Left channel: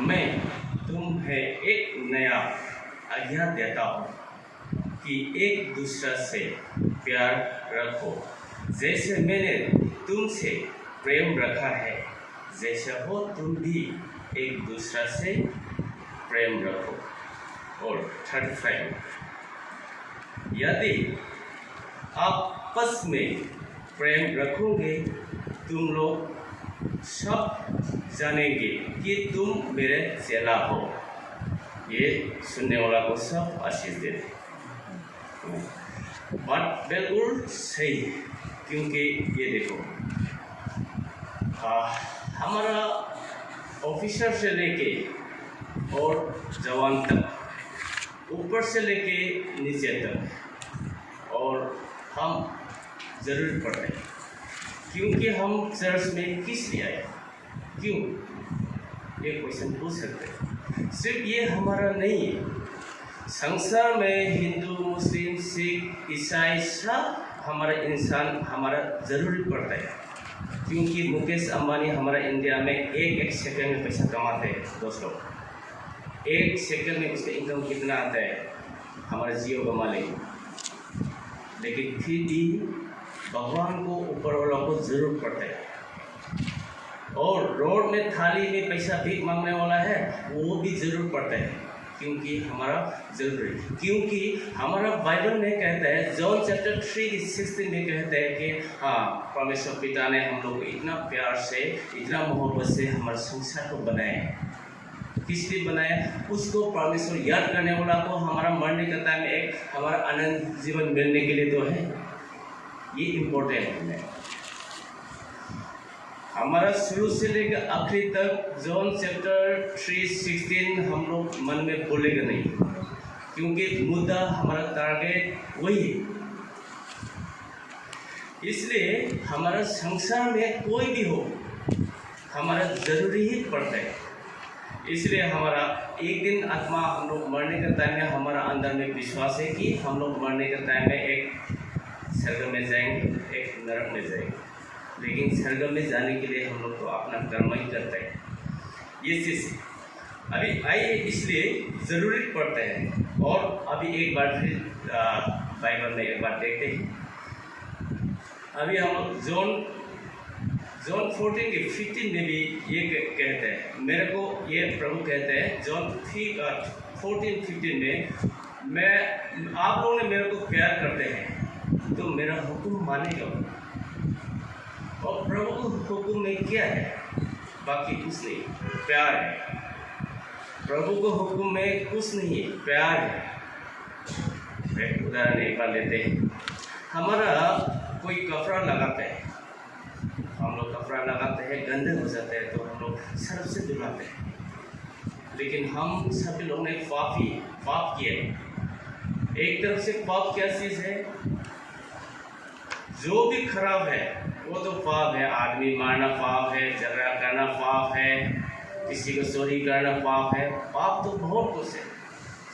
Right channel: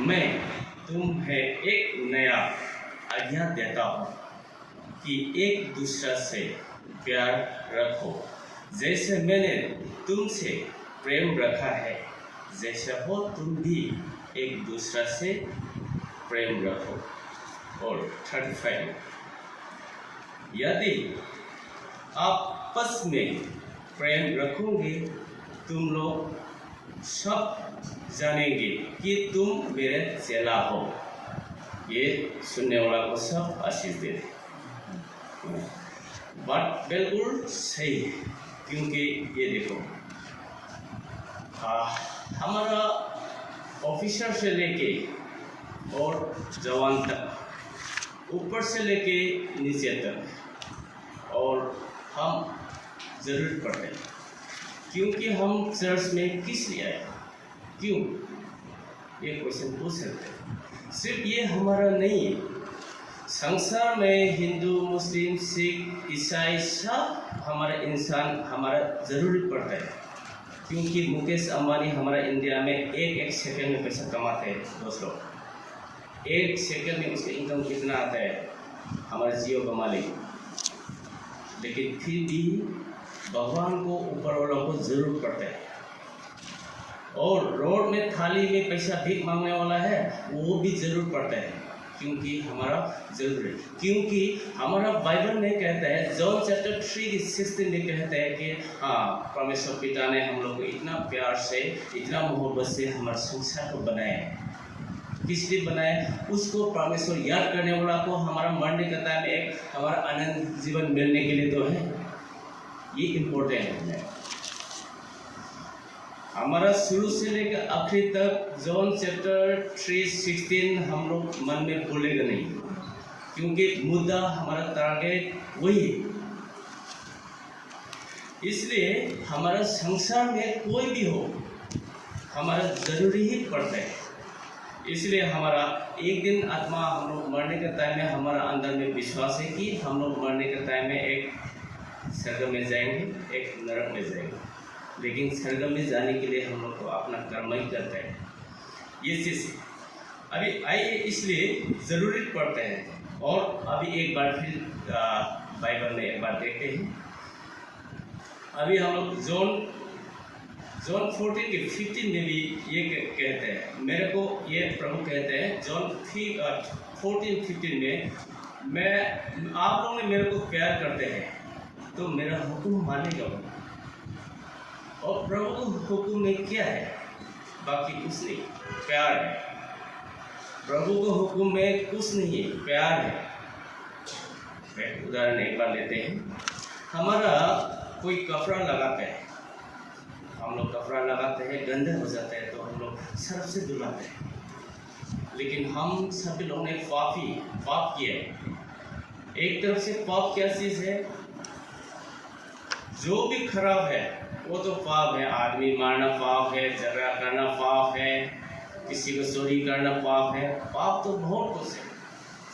मैं तुम्हें एक नया आज्ञा देता हूँ कि एक दूसरे से प्यार रखो, जैसे मैंने तुमसे प्रेम रखा है, जैसे हो तुम भी एक दूसरे से प्रेम रखो। और 35, यदि आपस में प्रेम रखोगे तुम लोग सब जानेंगे कि तुम मेरे चेला हो। ये सुनने वाला को सब आशीष दे दे। बात बिल्कुल सही है, क्योंकि ये देखो हमारा ऑफिसर से लेके और जवान तक, ऊपर से लेके नीचे तक, और हम ज़रूर पढ़ते हैं। क्योंकि हम चर्च में किस लिए आए, क्यों, ये क्वेश्चन पूछ सकते हैं। सिर्फ ये हमारा नहीं है, संसार में हिंदू, मुस्लिम, सिख, ईसाई सब हमारा इंसान हमारा ज़रूरी पड़ता है। क्योंकि मुकेश अंबानी हमारा इंडिया में एक सेकंड में पैसा कमाते हैं दोस्तों। एक सेकंड में उसका इनकम कितना आता है, हमारा जियो का मालिक। लेकिन फिर भी भगवान को, ऊपर वाला को जरूर पड़ता है। और रोड में थाली में पैसा भीख मांगने वाला है, वो भी जरूर पड़ता है, क्योंकि हमारा जरूरी। क्योंकि हमारा बाइबल में कहता है, जॉन चैप्टर 3:16 में कहता है कि हाँ, परमेश्वर पिता ने हम लोग को इतना प्यार से, इतना मोहब्बत से हमारे संसार को बनाया है। किस लिए बनाया? उसको परमेश्वर याद करने वाला को, हमारा मरने का टाइम एक हमारा अनंत जीवन मिलने के लिए तो है। ये इम्पोर्टेंट है। हमारा शुरू से लेकर आखिरी तक जॉन चैप्टर 3:16 हम लोग मन में भूलेगा नहीं, क्योंकि मुद्दा हमारा टारगेट वही है। इसलिए हमारा संसार में कोई भी हो, हमारा जरूरी ही पड़ता है। इसलिए हमारा एक दिन आत्मा, हम लोग मरने का टाइम में हमारा अंदर में विश्वास है कि हम लोग मरने का टाइम में एक स्वर्ग में जाएंगे, एक नरक में जाएंगे। लेकिन स्वर्ग में जाने के लिए हम लोग तो अपना कर्म ही करते हैं। ये चीज़ अभी आइए, इसलिए ज़रूरी पड़ता है। और अभी एक बार फिर बाइबल में एक बार देखते हैं। अभी हम लोग जॉन 14:15 में भी ये कहते हैं, मेरे को ये प्रभु कहते हैं जॉन 14:15 में, मैं आप लोगों ने मेरे को प्यार करते हैं तो मेरा हुक्म मानेगा। और प्रभु हुक्म में क्या है? बाकी कुछ नहीं, प्यार है। प्रभु को हुक्म में कुछ नहीं है, प्यार है। एक उदाहरण एक बार लेते हैं। हमारा कोई कपड़ा लगाते हैं, हम लोग कपड़ा लगाते हैं, गंदे हो जाते हैं तो हम लोग सर्फ से धुलाते हैं। लेकिन हम सभी लोगों ने पाप किया। एक तरफ से पाप क्या चीज़ है? जो भी खराब है वो तो पाप है। आदमी मारना पाप है, झगड़ा करना पाप है, किसी को चोरी करना पाप है। पाप तो बहुत कुछ है।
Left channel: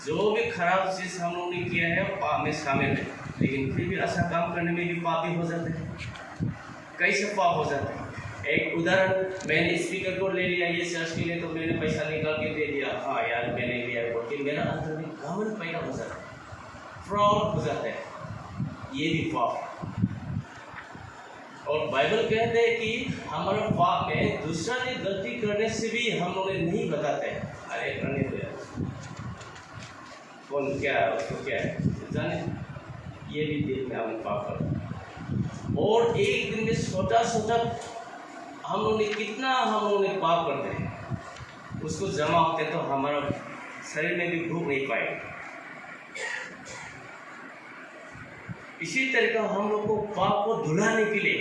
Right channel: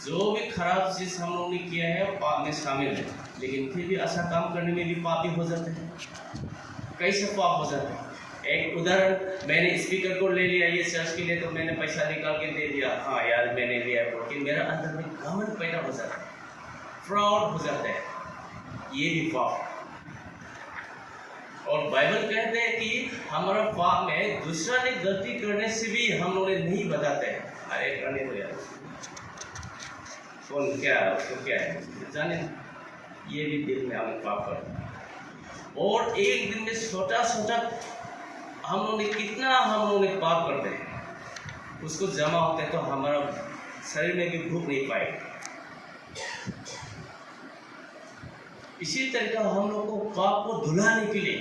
जो भी खराब चीज़ हम लोगों ने किया है वो पाप में शामिल है। लेकिन फिर भी अच्छा काम करने में भी पाप ही हो जाते हैं। कैसे पाप हो जाते हैं? एक उदाहरण, मैंने स्पीकर को ले लिया ये चर्च के लिए, तो मैंने पैसा निकाल के दे दिया, हाँ यार मैंने लिया, लेकिन मेरा अंदर में घमंड पैदा हो जाता है, फ्रॉड हो जाता है। ये भी पाप। और बाइबल कहते हैं कि हमारा पाप में दूसरा ने गलती करने से भी हम लोग नहीं बताते हैं। अरे करने दो यार, कौन क्या उसको क्या है जाने, ये भी दिल में हम पाप करते हैं। और एक दिन में छोटा हम लोग ने कितना हम लोग ने पाप करते हैं, उसको जमा होते तो हमारा शरीर में भी भूख नहीं पाएगा। इसी तरह हम लोग को पाप को धुलाने के लिए,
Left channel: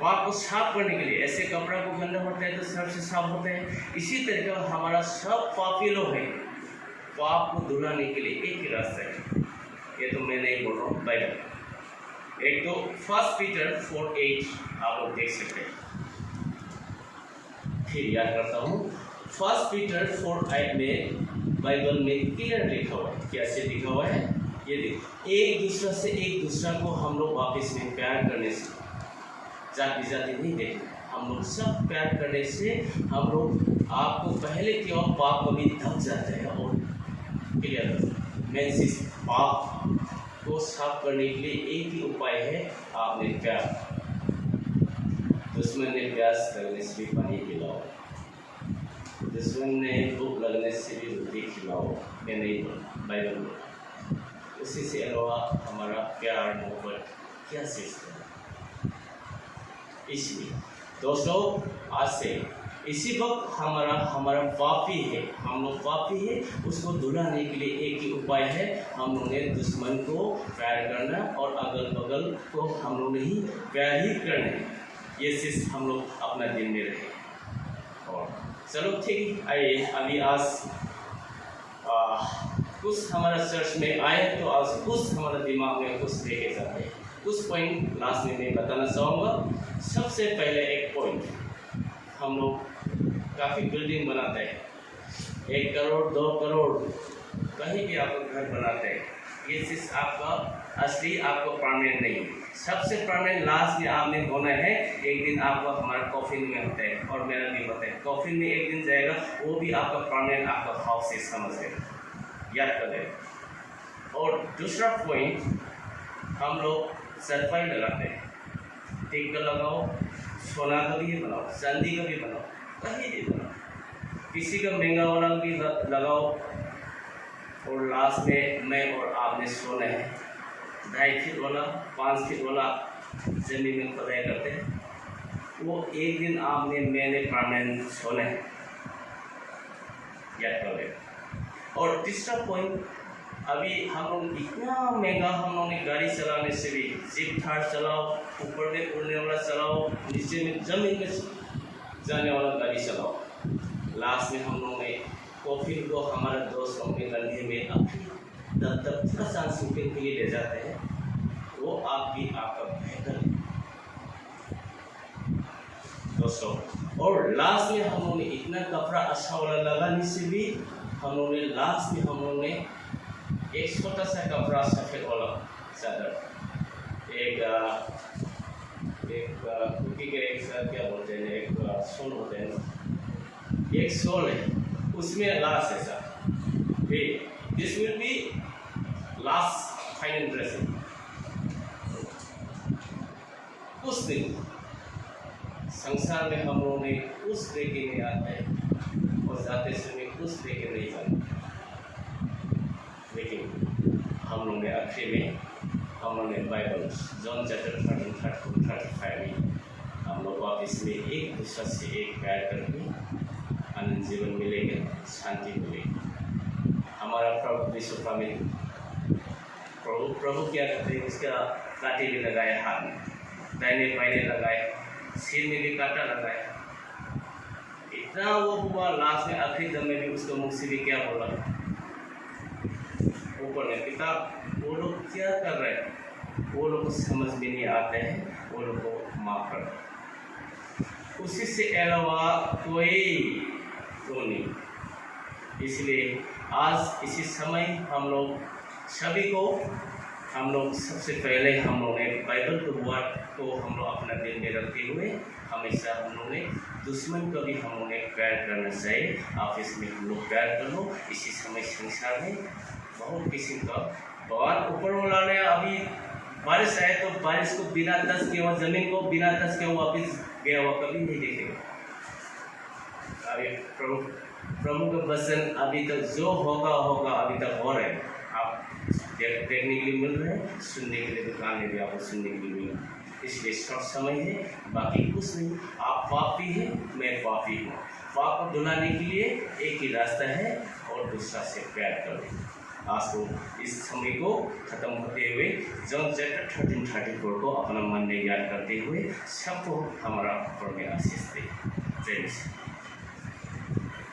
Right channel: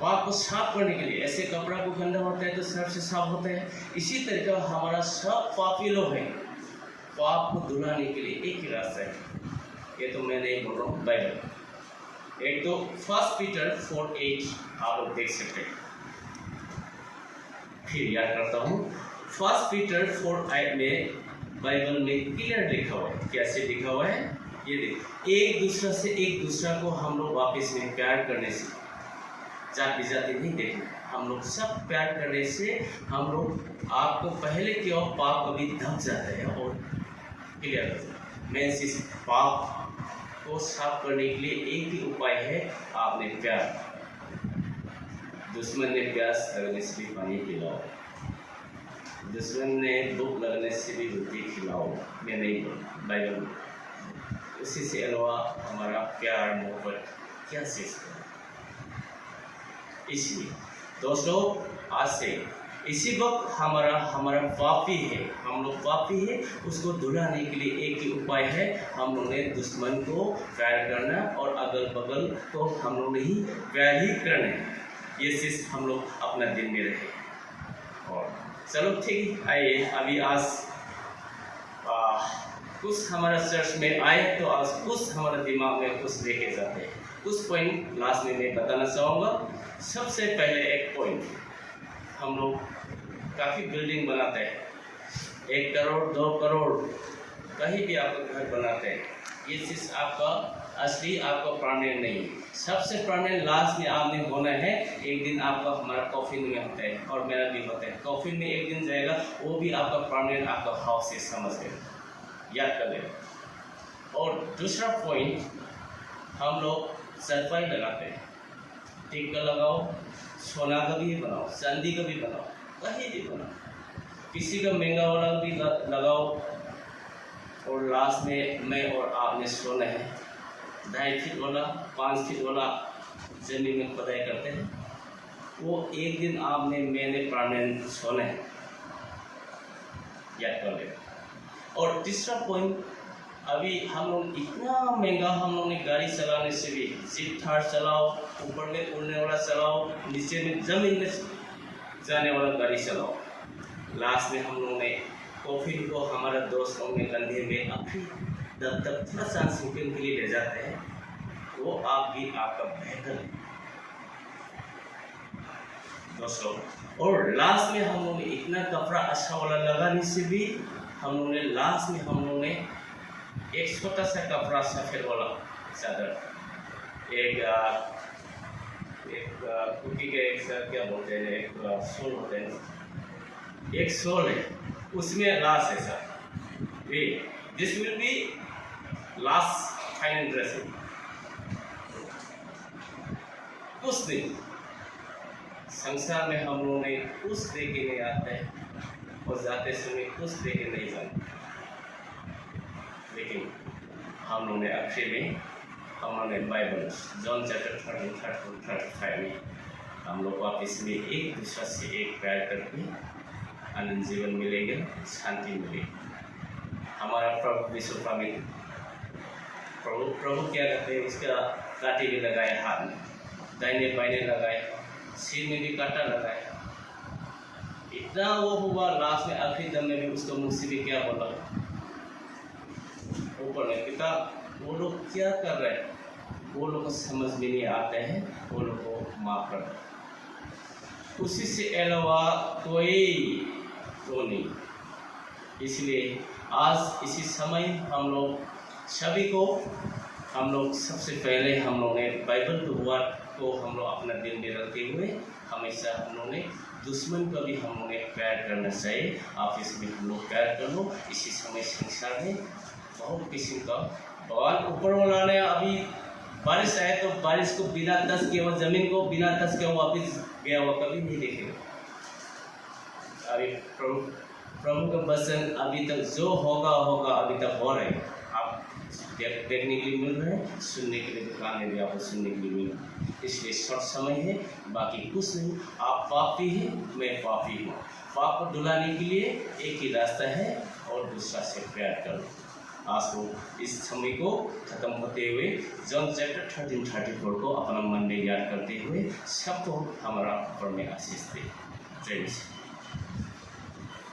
पाप को साफ करने के लिए, ऐसे कपड़ा को गंदा होते हैं तो सर्फ से साफ होते हैं। इसी तरह हमारा सब पापी लोग हैं, पाप को धुलाने के लिए एक ही रास्ता है। ये तो मैं नहीं बोल रहा हूँ, बाइबल। एक तो 1 पीटर 4:8 आप लोग देख सकते हैं। फिर याद करता हूँ, 1 पीटर 4:8 में बाइबल में क्लियर लिखा हुआ है। कैसे लिखा हुआ है ये देखो, एक दूसरे से, एक दूसरा को हम लोग वापस में प्यार करने से, जाति नहीं देखना। हम लोग सब प्यार करने से हम लोग आपको पहले की और पाप कभी ढक जाते हैं और क्लियर मेन चीज पाप को साफ करने के लिए एक ही उपाय है, आपने प्यार। दुश्मन ने प्यास लगने से भी पानी पिलाओ, दुश्मन ने भूख लगने से भी रोटी खिलाओ, या नहीं बोला बाइबल। उसी से अलावा हमारा प्यार मोहब्बत क्या सीखता है। इसलिए दोस्तों आज से इसी वक्त हमारा पापी है, हम लोग पापी है, उसको धुलाने के लिए एक ही उपाय है, हम लोग ने दुश्मन को प्यार करना और अगल बगल को हम लोग नहीं प्यार ही करना है। ये चीज़ हम लोग अपना दिन में रहे। और चलो ठीक, आइए अभी आज कुछ हमारा चर्च में आए तो आज कुछ हमारे दिमाग में कुछ लेके जाते हैं। कुछ पॉइंट लास्ट में मैं बताना चाहूँगा। सबसे पहले एक पॉइंट, हम लोग काफ़ी बिल्डिंग बनाते हैं, 1 करोड़ 2 करोड़ कहीं भी आप घर बनाते हैं, ये चीज़ आपका असली आपका परमानेंट नहीं है। सबसे परमानेंट लास्ट में आपने होना है, एक दिन आपका हमारा कॉफिन में होता है और मेरा भी होता है, कॉफिन में एक दिन जाएगा, वो भी आपका परमानेंट आपका हाउस है, समझ गए, याद कर लें। और दूसरा पॉइंट, हम लोग सरफाई लगाते हैं, टिक्का लगाओ, सोना का भी बनाओ, चांदी का भी बनाओ, कहीं भी बनाओ, किसी का महंगा वाला भी लगाओ। और लास्ट में मैं और आपने सोना है, 2.5 फीट वाला 5 फीट वाला जमीन में पढ़ाई करते हैं, वो एक दिन आपने मैंने परमानेंट सोना है, याद कर ले। और तीसरा पॉइंट, अभी हम लोग इतना महंगा हम लोग ने गाड़ी चलाने से भी, जीप थार चलाओ, ऊपर में उड़ने वाला चलाओ, नीचे में जमीन में जाने वाला गाड़ी चलाओ, लास्ट में हम लोग ने कॉफिन को हमारा दोस्त लोग में कंधे में अपनी तब थोड़ा सा सेकंड के लिए ले जाते हैं, वो आप भी आपका बेहतर दोस्तों। और लास्ट में हम लोगों ने इतना कपड़ा अच्छा वाला लगाने से भी हम लोगों ने लास्ट में हम लोगों ने एक छोटा सा कपड़ा सफ़ेद वाला चादर, एक कुकी का एक साथ क्या बोलते हैं, एक सोल होते हैं, एक सोल है, उसमें लास्ट है sir, this will be last final dressing. कुछ दिन संसार में हम लोगों ने कुछ दे के नहीं आते हैं और जाते समय कुछ दे के नहीं जाते, लेकिन हम लोगों ने आखिर में हम लोगों ने बाइबल जॉन चैप्टर 13-35 में हम लोग वापस में एक दूसरे से एक प्यार करके आनंद जीवन मिलेगा, शांति मिलेगी। हमारा प्रभु विश्व में प्रभु क्या करते हैं, उसका कांटे भी लगाए हाथ में, दाहिने बाइने लगाए, सिर में भी कांटा लगाए, इतना वो हुआ, लास्ट में आखिरी दम में भी उसको मुंह से भी क्या बोला, ऊपर में पिता, वो लोग क्या कर रहे हैं, वो लोग को समझ में नहीं आते हैं, वो लोग को माफ कर। उसी से अलावा कोई तो नहीं। इसलिए आज इसी समय हम लोग सभी को, हम लोग सबसे पहले हम लोग ने बाइबल के वर्ड को हम लोग अपना दिल में रखते हुए हमेशा हम लोग ने दुश्मन को भी हम लोग ने प्यार करना चाहिए। आप इसमें हम लोग प्यार कर लो। इसी समय संसार में बहुत किस्म का भगवान ऊपर वाला ने, अभी बारिश आए तो बारिश को बिना टच किया हुआ, जमीन को बिना टच किया हुआ वापिस गया हुआ कभी नहीं देखेगा। अभी प्रभु का वचन अभी तक जो होगा अभी तक हो रहा है, आप देखने के लिए मिल रहे हैं, सुनने के लिए दुकान में भी आपको सुनने के लिए मिल रहा है। इसलिए शॉर्ट समय है, बाकी कुछ नहीं। आप पापी हैं, मैं पापी हूँ। पाप को धुलाने के लिए एक ही रास्ता है और दूसरा से प्यार करो। आज को इस समय को खत्म होते हुए जॉन चैप्टर 13-34 को अपना मन में याद करते हुए सबको हमारा ऊपर में आशीष दे। जय